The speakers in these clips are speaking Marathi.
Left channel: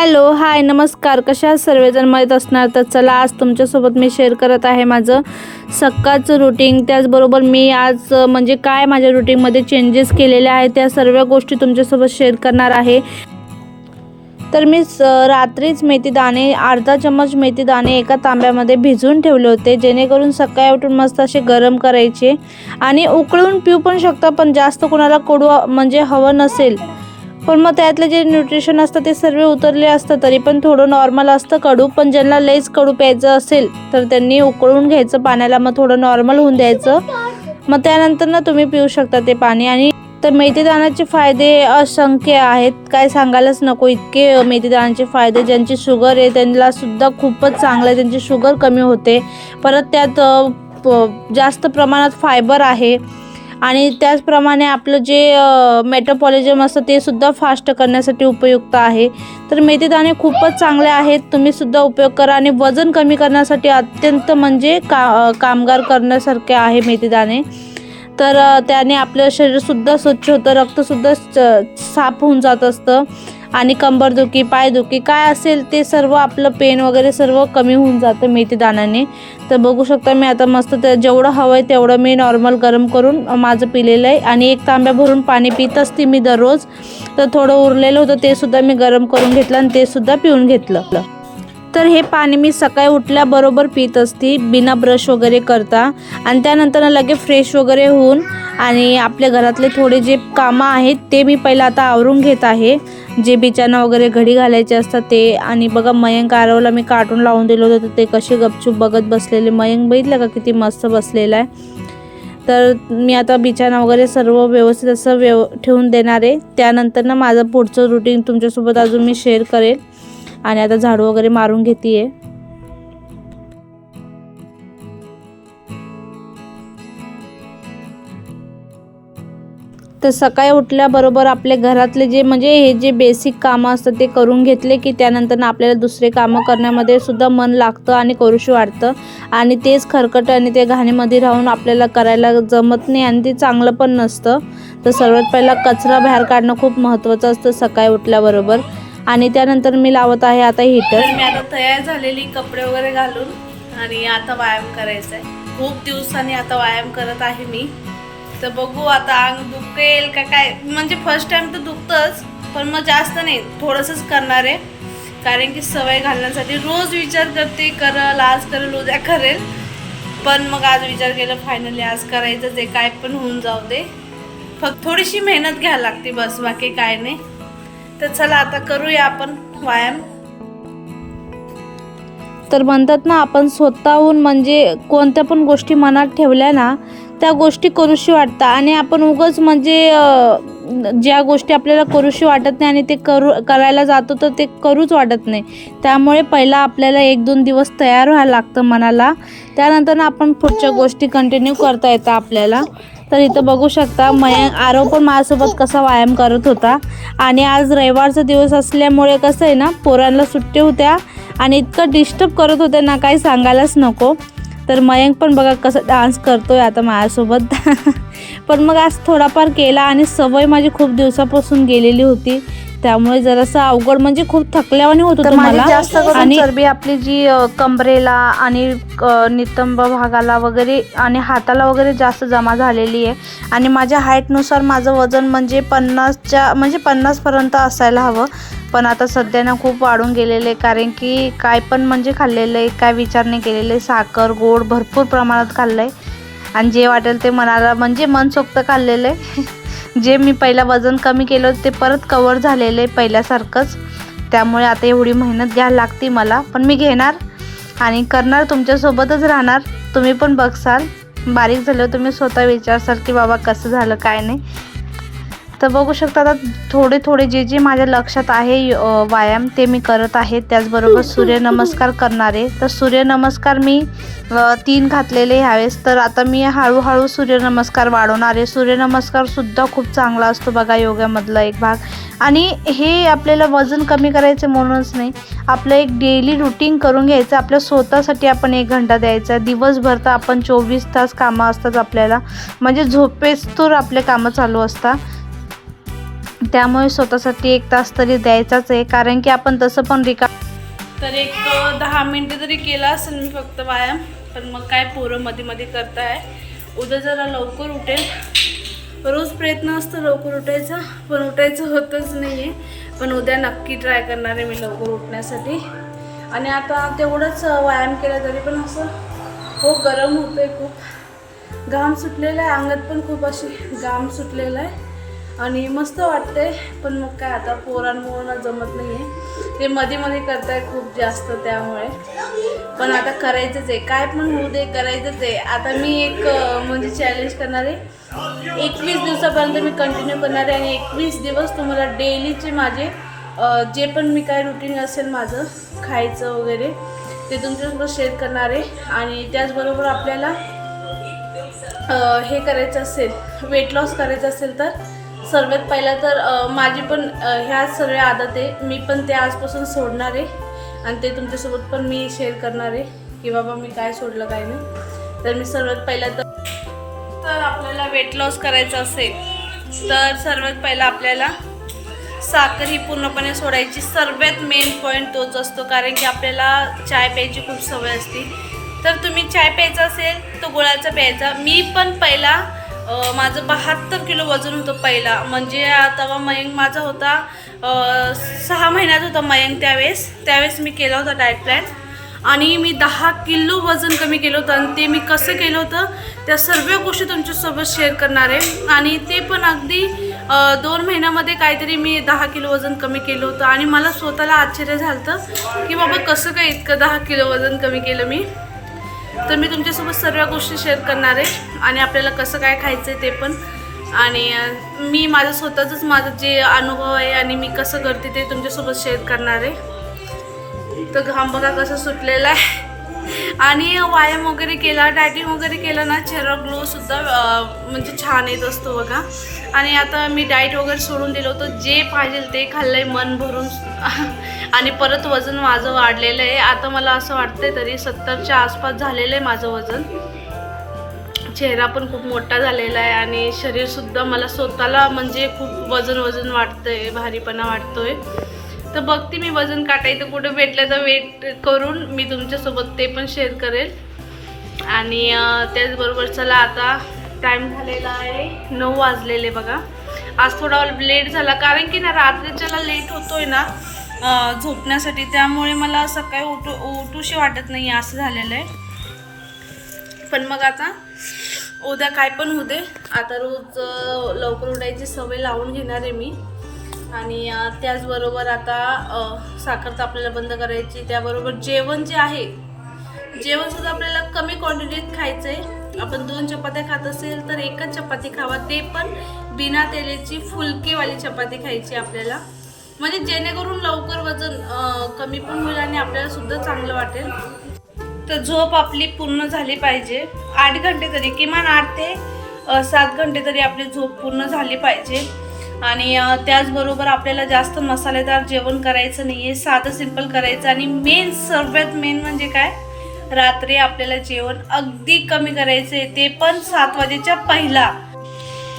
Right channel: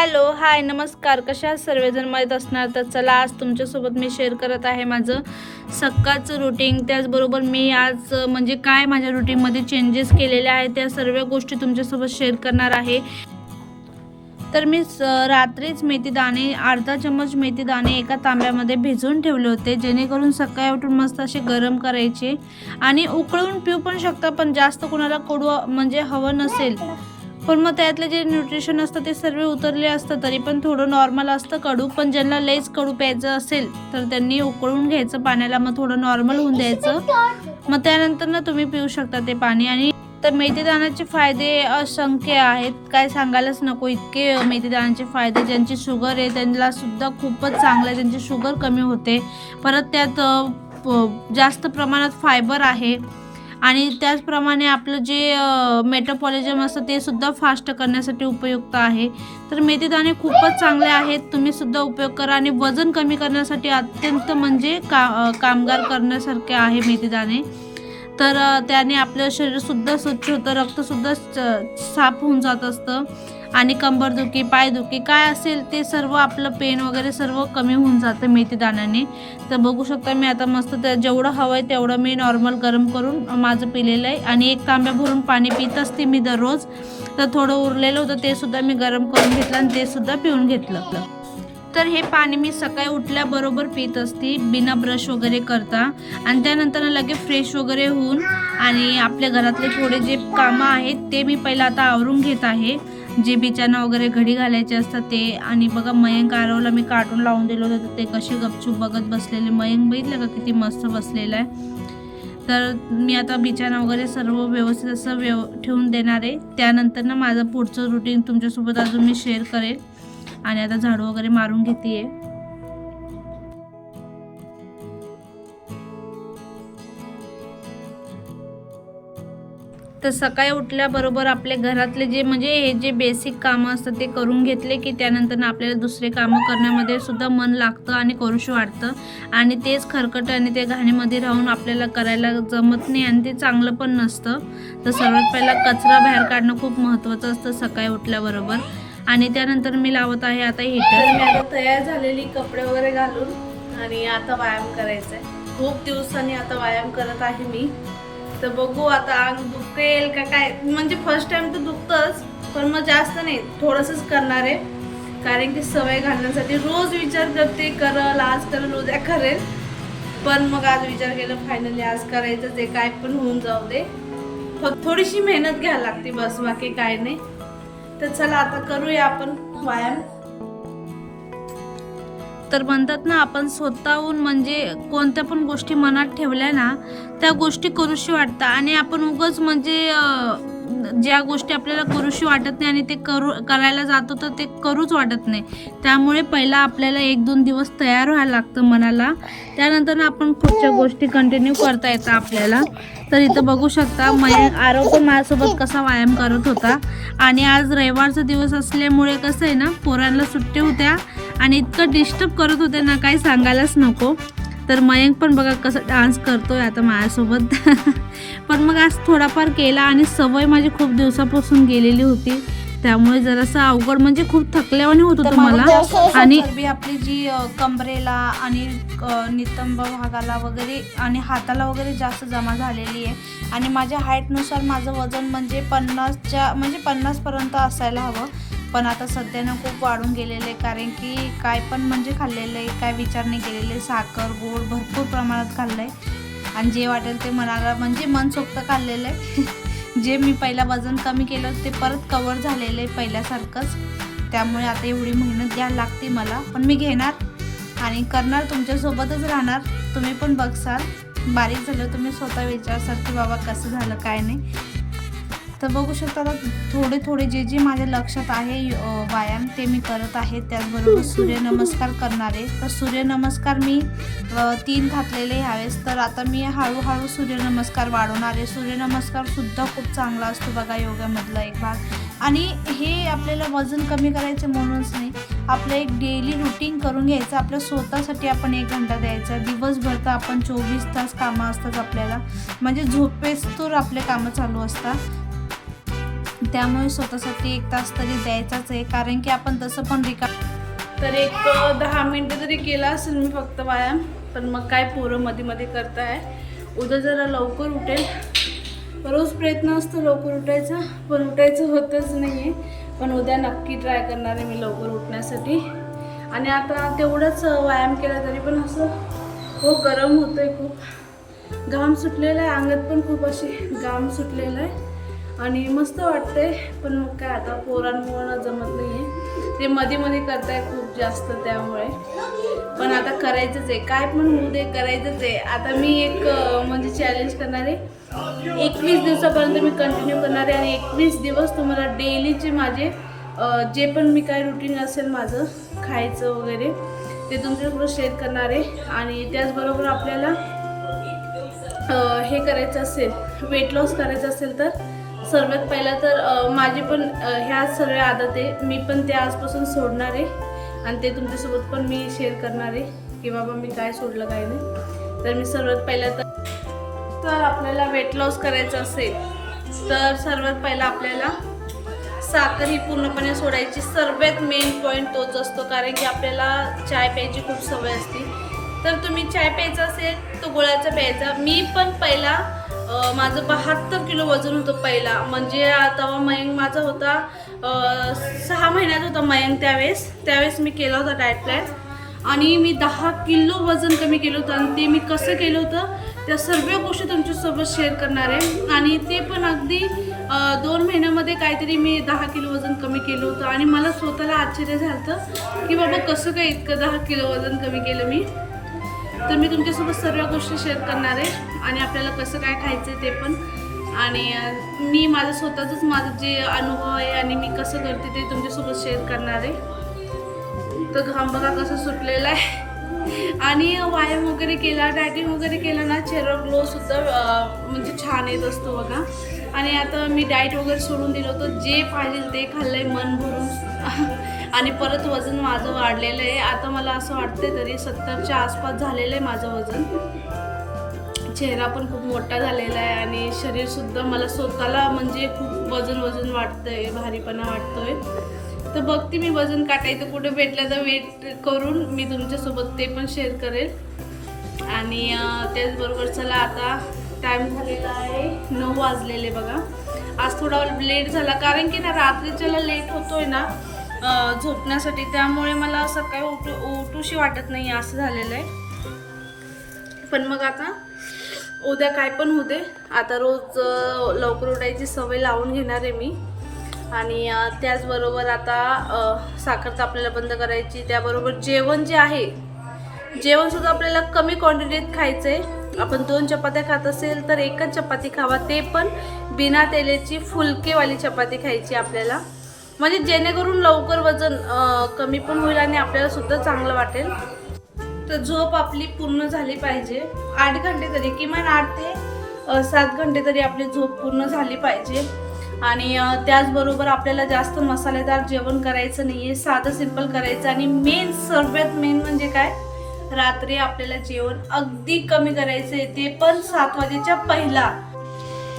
हॅलो हाय नमस्कार. कशा सर्वजण? माहीत असणार तर चला आज तुमच्यासोबत मी शेअर करत आहे माझं सकाळचं रुटीन त्याचबरोबर मी आज म्हणजे काय माझ्या रुटीनमध्ये चेंजेस केलेले आहेत त्या सर्व गोष्टी तुमच्यासोबत शेअर करणार आहे. तर मी स- रात्रीच मेथी दाणे अर्धा चम्मच मेथी दाणे एका तांब्यामध्ये भिजवून ठेवले होते जेणेकरून सकाळी उठून मस्त असे गरम करायचे. आणि उकळून पिऊ पण शकता पण जास्त कोणाला कोडू म्हणजे हवं नसेल पण मग त्यातलं जे न्यूट्रिशन असतं ते सर्व उतरले असतं तरी पण थोडं नॉर्मल असतं. कडू पण ज्यांना लईच कडू प्यायचं असेल तर त्यांनी उकळून घ्यायचं पाण्याला. मग थोडं नॉर्मल होऊन द्यायचं. मग त्यानंतर ना तुम्ही पिऊ शकता ते पाणी. आणि तर मेथीदाण्याचे फायदे असंख्य आहेत. काय सांगायलाच नको. इतके मेथीदाण्याचे फायदे ज्यांची शुगर आहे त्यांना सुद्धा खूपच चांगलं आहे. त्यांची शुगर कमी होते. परत त्यात प- जास्त प्रमाणात फायबर आहे. आणि त्याचप्रमाणे आपलं जे मेटापॉलिझम असतं ते सुद्धा फास्ट करण्यासाठी उपयुक्त आहे. तर मेथीदाणे खूपच चांगले आहेत तुम्ही सुद्धा उपयोग करा आणि वजन कमी करण्यासाठी अत्यंत म्हणजे का कामगार करण्यासारखे आहे मेथीदाणे. तर त्याने आपलं शरीरसुद्धा स्वच्छ होतं रक्तसुद्धा स- साफ होऊन जात असतं. आणि कंबरदुखी पायदुखी काय असेल ते सर्व आपलं पेन वगैरे सर्व कमी होऊन जातं मेथी दाण्याने. तर बघू शकता मी आता मस्त ते जेवढं हवं आहे तेवढं मी नॉर्मल गरम करून माझं पिलेलं आहे. आणि एक तांब्या भरून पाणी पित असते मी दररोज. तर थोडं उरलेलं होतं ते सुद्धा मी गरम करून घेतलं आणि ते सुद्धा पिऊन घेतलं. तर हे पाणी मी सकाळी उठल्याबरोबर पित असते बिना ब्रश वगैरे करता. आणि त्यानंतर लगे फ्रेश वगैरे होऊन आणि आपल्या घरातले थोडे जे कामं आहेत ते मी पहिलं आता आवरून घेत आहे. जे बिचाना वगैरे घडी घालायचे असतात ते. आणि बघा मयंक आरवला मी कार्टून लावून दिलं होतं तर ते कसे गपचूप बघत बसलेले. मयंक बघितलं का किती मस्त बसलेला आहे? तर मी आता बिछाना वगैरे सर्व व्यवस्थित असं व्यव ठेवून देणार आहे. त्यानंतर ना माझं पुढचं रुटीन तुमच्यासोबत अजून मी शेअर करेल. आणि आता झाडू वगैरे मारून घेते आहे तर सकाळी उठल्याबरोबर आपले घरातले जे म्हणजे हे जे बेसिक कामं असतात ते करून घेतले की त्यानंतर ना आपल्याला दुसरे कामं करण्यामध्ये सुद्धा मन लागतं आणि करूशी वाटतं आणि तेच खरकट आणि ते घाणीमध्ये राहून आपल्याला करायला जमत नाही आणि ते चांगलं पण नसतं. तर सर्वात पहिला कचरा बाहेर काढणं खूप महत्त्वाचं असतं सकाळी उठल्याबरोबर. आणि त्यानंतर मी लावत आहे आता हिटर मी आता तयार झालेली कपडे वगैरे घालून आणि आता व्यायाम करायचा आहे खूप दिवसांनी आता व्यायाम करत आहे मी. तर बघू आता अंग दुखेल का काय. म्हणजे फर्स्ट टाइम तर दुखतंच पण मग जास्त नाही थोडंसंच करणार आहे. कारण की सवय घालण्यासाठी रोज विचार करते करल आज करेल उद्या करेल. पण मग आज विचार केला फायनली आज करायचं जे काय पण होऊन जाऊ दे. फक्त थोडीशी मेहनत घ्यायला लागते बस बाकी काय नाही. तर चला आता करूया आपण व्यायाम. तर म्हणतात ना आपण स्वतःहून म्हणजे कोणत्या पण गोष्टी मनात ठेवल्या ना त्या गोष्टी करूशी वाटतात आणि आपण उगाच म्हणजे ज्या गोष्टी आपल्याला करूशी वाटत नाही आणि ते करू करायला जातो तर ते करूच वाटत नाही. त्यामुळे पहिला आपल्याला एक दोन दिवस तयार व्हायला लागतं मनाला. त्यानंतर ना आपण पुढच्या गोष्टी कंटिन्यू करता येतात आपल्याला. तर इथं बघू शकता मयंक आरव पण माझ्यासोबत कसा व्यायाम करत होता. आणि आज रविवारचा दिवस असल्यामुळे कसं आहे ना पोरांना सुट्टी होत्या. आणि इतकं डिस्टर्ब करत होते ना काही सांगायलाच नको. तर मयंक पण बघा कसं डान्स करतोय आता माझ्यासोबत. पण मग आज थोडाफार केला आणि सवय माझी खूप दिवसापासून गेलेली होती. त्यामुळे जरासं अवघड म्हणजे खूप थकल्यावानी होत होतं मला. आणि चरबी आपली जी अ, कमरेला आणि नितंब भागाला वगैरे आणि हाताला वगैरे जास्त जमा झालेली आहे. आणि माझ्या हाईटनुसार माझं वजन म्हणजे पन्नासच्या म्हणजे पन्नासपर्यंत असायला हवं. पण आता सध्या ना खूप वाढून गेलेलं आहे. कारण की काय पण म्हणजे खाल्लेलं आहे काय विचार नाही केलेले साखर गोड भरपूर प्रमाणात खाल्लं आहे आणि जे वाटेल ते मनाला म्हणजे मनसोक्त खाल्लेलं आहे. जे मी पहिला वजन कमी केलं होतं ते परत कवर झालेलं आहे पहिल्यासारखंच. त्यामुळे आता एवढी मेहनत घ्यायला लागते मला पण मी घेणार. आणि करणार तुमच्यासोबतच राहणार. तुम्ही पण बघसाल. बारीक झालं तुम्ही स्वतः विचारसाल की बाबा कसं झालं काय नाही. तर बघू शकता आता थोडे थोडे जे जे माझ्या लक्षात आहे व्यायाम ते मी करत आहे त्याचबरोबर सूर्यनमस्कार करणार. तर सूर्यनमस्कार मी तीन घातलेले ह्यावेळेस. तर आता मी हळूहळू सूर्यनमस्कार वाढवणार सूर्यनमस्कारसुद्धा खूप चांगला असतो बघा योगामधला एक भाग. आणि हे आपल्याला वजन कमी करायचं म्हणूनच नाही. आपलं एक डेली रुटीन करून घ्यायचं. आपल्या स्वतःसाठी आपण एक घंटा द्यायचा. दिवसभर तर आपण चोवीस तास कामं असतात आपल्याला. म्हणजे झोपेस तर आपले कामं चालू असतात. त्यामुळे स्वतःसाठी एक तास तरी द्यायचाच आहे कारण की आपण तसं पण रिका तर एक दहा मिनटं तरी केला असेल मी फक्त व्यायाम पण मग काय पोरं मध्ये मध्ये करताय. उद्या जरा लवकर उठेल. रोज प्रयत्न असतो लवकर उठायचा पण उठायचं होतच नाही आहे पण उद्या नक्की ट्राय करणार आहे मी लवकर उठण्यासाठी. आणि आता तेवढंच व्यायाम केला तरी पण असं हो गरम होतं आहे खूप. घाम सुटलेला आहे अंगात पण खूप अशी घाम सुटलेला आहे. आणि मस्त वाटते पण मग काय आता पोरांमुळं जमत नाही आहे ते मध्ये मध्ये करताय खूप जास्त त्यामुळे. पण आता करायचंच आहे. काय पण होऊ दे करायचंच आहे. आता मी एक म्हणजे चॅलेंज करणार आहे. एकवीस दिवसापर्यंत मी कंटिन्यू करणार आहे आणि एकवीस दिवस तुम्हाला डेलीचे माझे जे पण मी काय रुटीन असेल माझं खायचं वगैरे ते तुमच्यासोबत शेअर करणार आहे. आणि त्याचबरोबर आपल्याला हे करायचं असेल वेट लॉस करायचं असेल तर सर्वात पहिला तर माझी पण ह्या सर्व आदत आहे. मी पण ते आजपासून सोडणार आहे. आणि ते तुमच्यासोबत पण मी शेअर करणार आहे की बाबा मी काय सोडलं काय नाही. तर मी सर्वात पहिला तर तर आपल्याला वेट लॉस करायचं असेल तर सर्वात पहिला आपल्याला साखर ही पूर्णपणे सोडायची सर्वात मेन पॉईंट तोच असतो. कारण की आपल्याला चाय प्यायची खूप सवय असते. तर तुम्ही चाय प्यायचा असेल तो गुळाचा प्यायचा. मी पण पहिला माझं बहात्तर किलो वजन होतं पहिला. म्हणजे तेव्हा मयंक माझा होता सहा महिन्यात होता मयंक त्यावेळेस. त्यावेळेस मी केला होता डायट प्लॅन आणि मी दहा किलो वजन कमी केलं होतं आणि ते मी कसं केलं होतं त्या सर्व गोष्टी तुमच्यासोबत शेअर करणार आहे. आणि ते पण अगदी दोन महिन्यामध्ये काहीतरी मी दहा किलो वजन कमी केलं होतं. आणि मला स्वतःला आश्चर्य झालं होतं की बाबा कसं काय इतकं दहा किलो वजन कमी केलं मी. तर मी तुमच्यासोबत सर्व गोष्टी शेअर करणार आहे आणि आपल्याला कसं काय खायचं आहे ते पण. आणि मी माझं स्वतःचंच माझं जे अनुभव आहे आणि मी कसं करते ते तुमच्यासोबत शेअर करणार आहे. तर घाम बघा कसं सुटलेला आहे. आणि व्यायाम वगैरे केला डायटिंग वगैरे केला ना चेहरा ग्लोसुद्धा म्हणजे छान येत असतो बघा. आणि आता मी डाएट वगैरे सोडून दिलं होतं जे पाहिजे ते खाल्लंय मन भरून आणि परत वजन माझं वाढलेलं आहे. आता मला असं वाटतंय तरी सत्तरच्या आसपास झालेलं आहे माझं वजन. चेहरा पण खूप मोठा झालेला आहे आणि शरीरसुद्धा मला स्वतःला म्हणजे खूप वजन वजन वाटतंय भारीपणा वाटतोय तर बघते मी वजन काटायचं कुठं भेटलं तर वेट करून मी तुमच्यासोबत ते पण शेअर करेल. आणि त्याचबरोबर चला आता टाईम झालेला आहे नऊ वाजलेले बघा. आज थोडा लेट झाला कारण की ना रात्रीच्याला लेट होतोय ना. झोपण्यासाठी. त्यामुळे मला सकाळी उठू उठूशी वाटत नाही असं झालेलं आहे. पण मग आता उद्या काय पण होऊ दे. आता रोज लवकर उठायची सवय लावून घेणार आहे मी. आणि त्याचबरोबर आता साखर तर आपल्याला बंद करायची त्याबरोबर जेवण जे आहे जेवणसुद्धा आपल्याला कमी क्वांटिटीत खायचं आहे आपण दोन चपात्या खात असेल तर एकच चपाती खावा. ते पण बिना तेलाची फुलकेवाली चपाती खायची आपल्याला. म्हणजे जेणेकरून लवकर वजन कमी पण होईल आणि आपल्याला सुद्धा चांगलं वाटेल. तर झोप आपली पूर्ण झाली पाहिजे. आठ घंटे तरी किमान आठ ते सात घंटे तरी आपली झोप पूर्ण झाली पाहिजे. आणि त्याचबरोबर आपल्याला जास्त मसालेदार जेवण करायचं नाही आहे साधं सिंपल करायचं. आणि मेन सर्वात मेन म्हणजे काय? रात्री आपल्याला जेवण अगदी कमी करायचं आहे. ते पण सात वाजेच्या पहिला.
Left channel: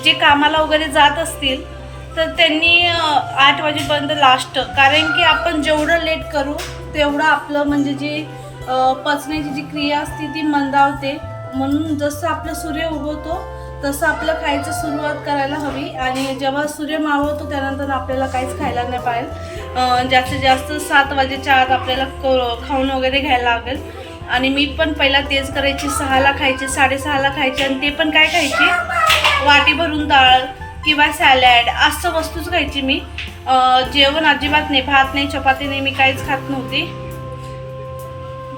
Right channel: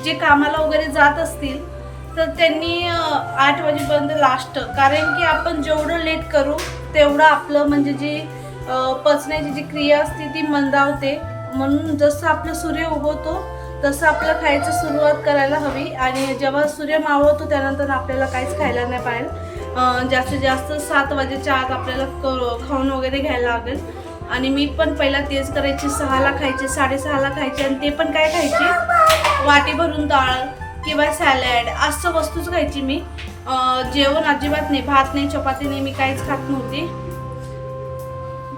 जे कामाला वगैरे जात असतील तर त्यांनी आठ वाजेपर्यंत लास्ट कारण की आपण जेवढं लेट करू तेवढं आपलं म्हणजे जे पचण्याची जी क्रिया असते ती मंदावते. म्हणून जसं आपलं सूर्य उगवतो तसं आपलं खायचं सुरुवात करायला हवी. आणि जेव्हा सूर्य मावळतो त्यानंतर आपल्याला काहीच खायला नाही पाहिजे. जास्तीत जास्त सात वाजेच्या आत आपल्याला क खाऊन वगैरे घ्यायला लागेल. आणि मी पण पहिला तेच करायची. सहाला खायची साडेसहाला खायची. आणि ते पण काय खायची? वाटी भरून डाळ. किंवा सॅलॅड असं वस्तूच खायची मी. जेवण अजिबात नाही भात नाही चपाती नाही मी काहीच खात नव्हती.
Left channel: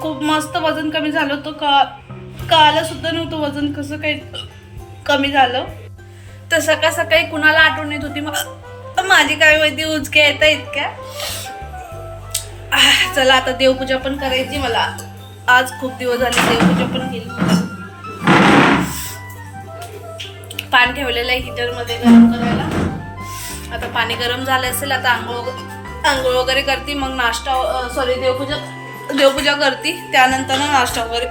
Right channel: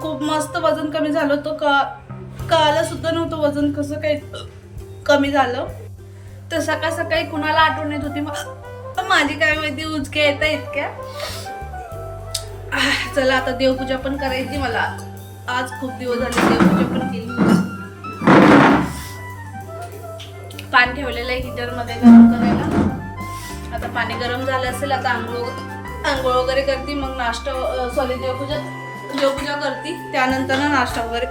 खूप मस्त वजन कमी झालं होतं. का कळालं सुद्धा नव्हतं वजन कसं काही कमी झालं. तर सकाळ सकाळी कुणाला आठवण येत होती मग माझी काय माहिती उचक्या येता इतक्या. चला आता देवपूजा पण करायची मला. आज खूप दिवस झाले देवपूजा पण केली पाणी ठेवलेलं आहे हिटरमध्ये गरम करायला. आता पाणी गरम झालं असेल आता आंघोळ आंघोळ वगैरे करते मग नाश्ता सॉरी देवपूजा देवपूजा करते. त्यानंतर नाश्ता वगैरे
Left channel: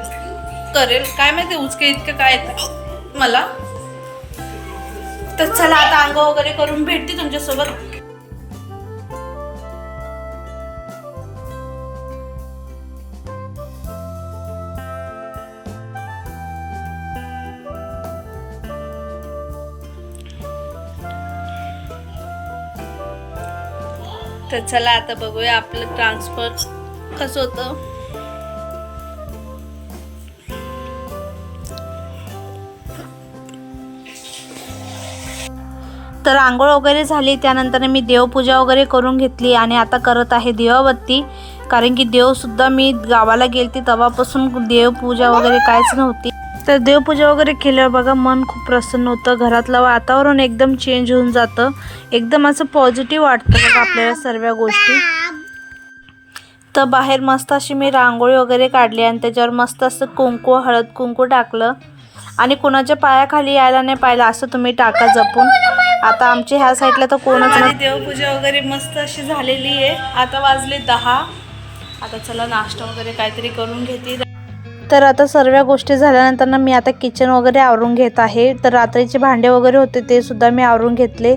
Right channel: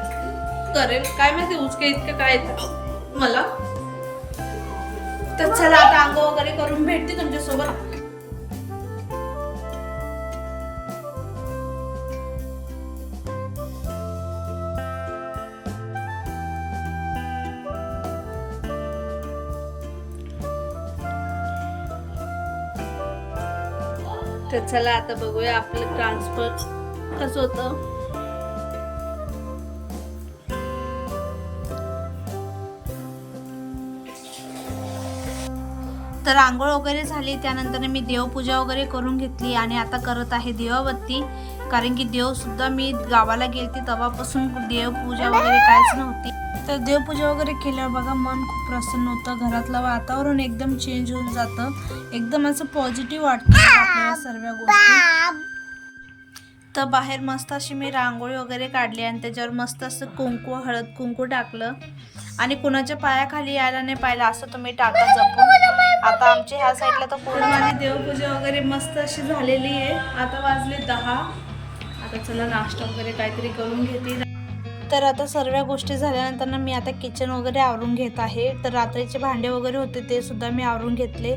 करेल. काय माहिती उचके इतकं काय येतं मला. तर चला आता आंघोळ वगैरे करून भेटते तुमच्यासोबत. तर चला आता बघूया आपलं ट्रान्सफर कसं होतं. तर आंघोळ वगैरे झाली त्यानंतर मी देवपूजा वगैरे करून घेतली आणि आता करत आहे दिवाबत्ती कारण की देवसुद्धा मी गावाला गेलती तेव्हापासून देवपूजा वगैरे काहीच नव्हती. तर देवपूजा वगैरे केल्यावर बघा मन खूप प्रसन्न होतं घरातलं वातावरण एकदम चेंज होऊन जातं. एकदम असं पॉझिटिव्ह वाटतं बघा आपल्याला सर्व गोष्टी. तर बाहेर मस्त अशी मी रांगोळी वगैरे काढली आणि त्याच्यावर मस्त असं कुंकू हळद कुंकू टाकलं. आणि कोणाच्या पायाखाली यायला नाही पाहिलं असं तुम्ही टाका जपून. आता आमच्या ह्या साईडला तर कोणच माझी देवपूजा वगैरे मस्त अशी झालेली आहे. आता वाजले दहा. आता चला नाश्ता वगैरे काहीतरी करून घेते. तर आता सर्व गोष्टी झाल्यानंतर ना मी आता किचन वगैरे आवरून घेत आहे. तर रात्रीचे भांडे वगैरे होते ते सुद्धा मी आवरून घेतले.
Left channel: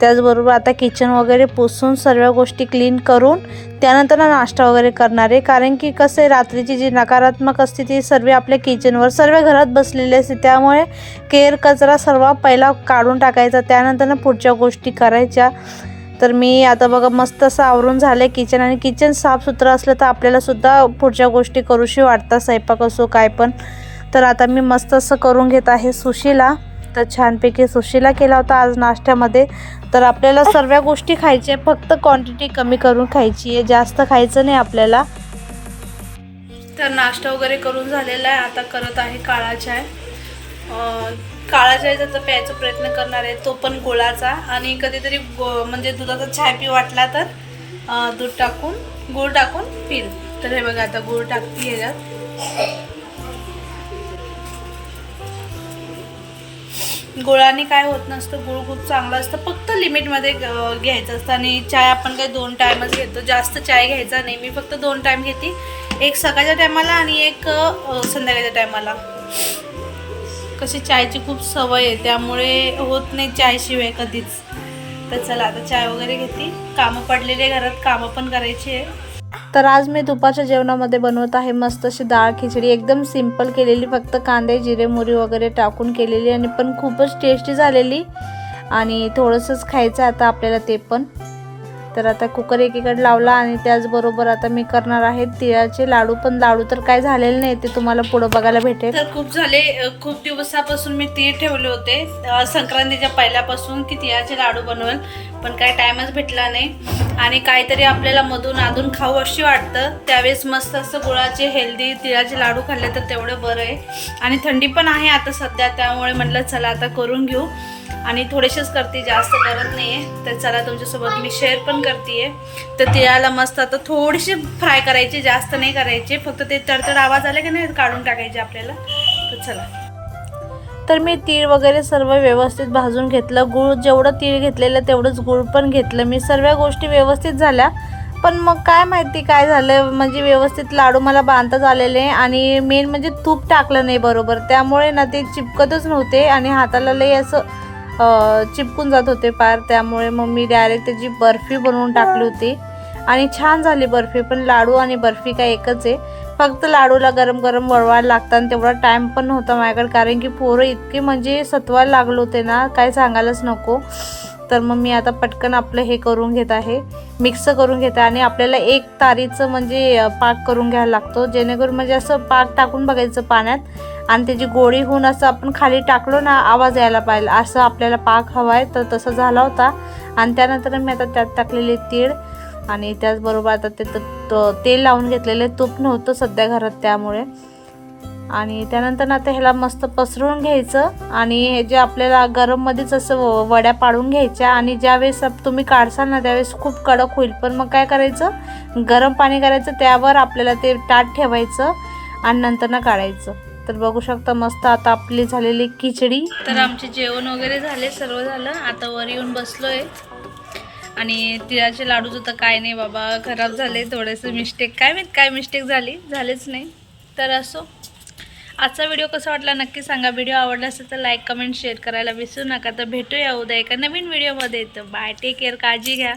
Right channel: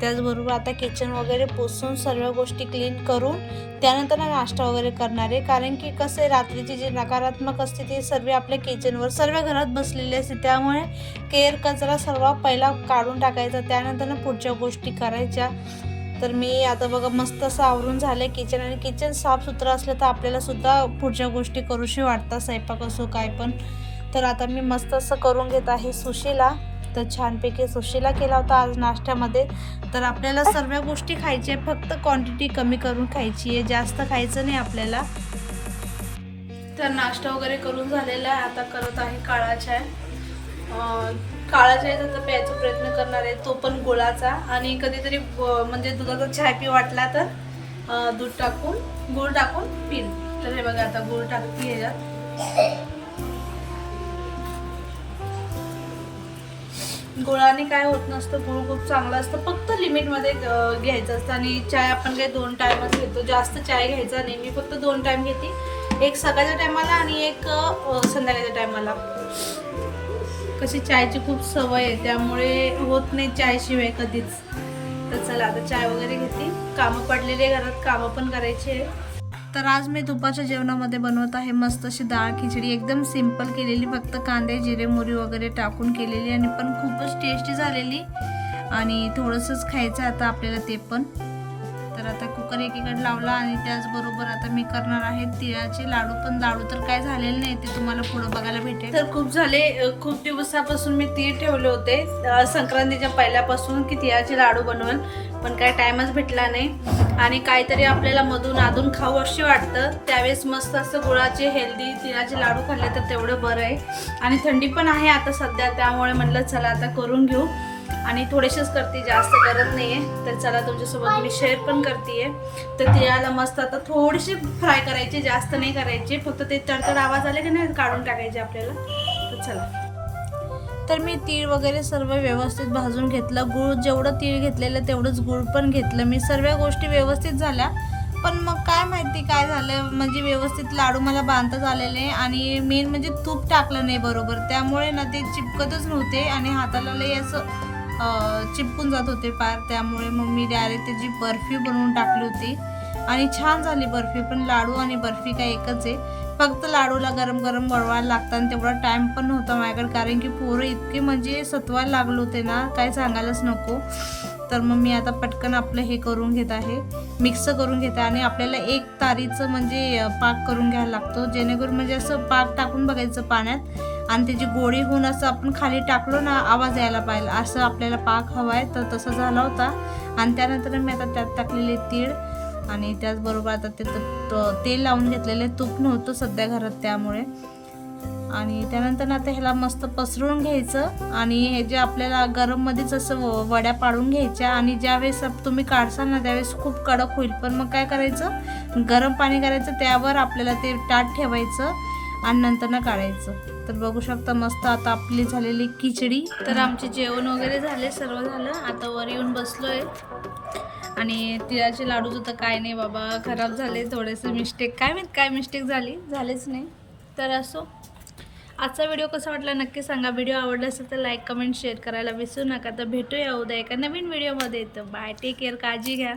त्याचबरोबर आता किचन वगैरे पुसून सर्व गोष्टी क्लीन करून त्यानंतर नाश्ता वगैरे करणार आहे. कारण की कसं आहे रात्रीची जी नकारात्मक असते ती सर्व आपल्या किचनवर सर्व घरात बसलेली असते. त्यामुळे केर कचरा सर्व पहिला काढून टाकायचा. त्यानंतर ना पुढच्या गोष्टी करायच्या. तर मी आता बघा मस्त असं आवरून झालं किचन आणि किचन साफसुथरं असलं तर आपल्यालासुद्धा पुढच्या गोष्टी करूशी वाटतात. स्वयंपाक असो काय पण. तर आता मी मस्त असं करून घेत आहे सुशीला. तर छानपैकी सुशीला केला होता आज नाश्त्यामध्ये. तर आपल्याला सर्व गोष्टी खायच्या फक्त क्वांटिटी कमी करून खायची आहे. जास्त खायचं नाही आपल्याला. तर नाश्ता वगैरे करून झालेला आहे. आता करत आहे काळा चाय. काळा चाय त्याचा प्यायचा प्रयत्न करणार आहे. तो पण गुळाचा. आणि कधीतरी गो- म्हणजे दुधाचा चाय पी वाटला तर दूध टाकून गुळ टाकून पिल तर हे बघा आता गुळ टाकते ह्याच्यात गुळाने काय होत नसतं गुळ खूप चांगलं असतं. फक्त लिमिटमध्ये घ्यायचं असतं. आणि चाय आपण काही दोन टायमच घेतो. जास्त चाय घ्यायचा नाही. मी फक्त दोन टाईम घेते. एक सकाळच्या टायमाला आणि एक संध्याकाळच्या टायमाला कशी चायची खूप सवय आहे. त्यामुळे होत नाही चायशिवाय कधीच. तर चला आता चाय वगैरे घेते. कामं पडलेले घरात. कामं पण करायची आहे. तर आज मी दुपारच्या जेवणामध्ये बनवत आहे मस्त अशी डाळ खिचडी. एकदम सिंपल केलेली फक्त कांदे जिरे मोरी वगैरे टाकून केलेली आणि पण खूपच टेस्टी झालेली. आणि थोडंसंच खायचं आता आपल्याला ते पण. तर आता कुकर एकीकडे लावला आणि त्याचबरोबर आता मी करणार आहे तिळाचे लाडू. पण लाडू तर काय झालेले नाही ते तुम्हाला पुढं बघायला भेटेल. तर खूप झाले खूप दिवसापासून मी तीळ ठेवले होते. संक्रांतीच्या पहिल्यापासून की तिळाचे लाडू बनवेल. पण काही टाइमच भेटला नाही. आणि काहीतरी आपल्याला मधून अधून खाऊ अशी वाटतं. त्यावेळेस मस्त असं गुळाचे हेल्दी तिळाचे लाडू खाल्ले तर तेवढं बरं आहे. आणि थंडी पण आहे आता सध्या त्यामुळे म्हटलं चला आता करून घेऊ. आणि थोडेसेच करते जास्त करत नाही आहे तर चला तुमच्यासोबत मी शेअर पण करते तर तिळाला मस्त आता थोडीशी फ्राय करायची जास्त नाही करायचे. फक्त ते तडतड आवाज आले की नाही काढून टाकायचे आपल्याला. तर चला. तर मी तीळ वगैरे सर्व व्यवस्थित भाजून घेतलं. गूळ जेवढं तीळ घेतलेलं तेवढंच गूळ पण घेतलं. मी सर्व गोष्टी व्यवस्थित झाल्या. पण मग काय माहिती काय झालं? म्हणजे व्यवस्थित लाडू मला बांधताच आलेले आणि मेन म्हणजे तूप टाकलं नाही बरोबर. त्यामुळे ना ते चिपकतच नव्हते आणि हाताला लई असं चिपकून जात होते पार त्यामुळे मग मी डायरेक्ट त्याची बर्फी बनवून टाकली होती. आणि छान झाली बर्फी. पण लाडू आणि बर्फी काय एकच आहे. फक्त लाडूला गरम गरम वळवायला लागतं आणि तेवढा टाईम पण नव्हता माझ्याकडे. कारण की पोरं इतके म्हणजे सत्वायला लागले होते ना काय सांगायलाच नको. तर मग मी आता पटकन आपलं हे करून घेत आहे. मिक्स करून घेत आहे आणि आपल्याला एक तारीचं म्हणजे पाक करून घ्यायला लागतो. जेणेकरून म्हणजे असं पाक टाकून बघायचं पाण्यात. आणि त्याची गोळी होऊन असं आपण खाली टाकलो ना आवाज यायला पाहिजे. असं आपल्याला पाक हवा आहे तर तसं झाला होता. आणि त्यानंतर मी आता त्यात टाकलेले तीळ. आणि त्याचबरोबर आता ते त- तेल लावून घेतलेले तूप नव्हतं सध्या घरात त्यामुळे. आणि त्यानंतर आता ह्याला मस्त पसरून घ्यायचं आणि हे जे आपल्याला गरममध्येच असं व- वड्या पाडून घ्यायच्या आणि ज्यावेळेस तुम्ही काढसाल ना त्यावेळेस खूप कडक होईल. पण मग काय करायचं? गरम पाणी करायचं त्यावर आपल्याला ते ताट ठेवायचं आणि नंतर ना काढायचं. तर बघू शकता मस्त आता आपली झालेली खिचडी. तर आमचे जेवण वगैरे झाले सर्व झालं. आता वर येऊन बसलोय. आणि तिळाचे लाडू तर काय नाही बाबा खराब झाले थोडेसे मिस्टेक काय माहीत काय मिस्टेक झाली? झालेच नाही. तर असो. आजचा व्हिडिओ कसा वाटला नक्की सांगा. व्हिडिओ आवडला असेल तर लाईक कमेंट शेअर करायला विसरू नका. तर भेटूया उद्या एका नवीन व्हिडिओमध्ये तर बाय टेक केअर काळजी घ्या.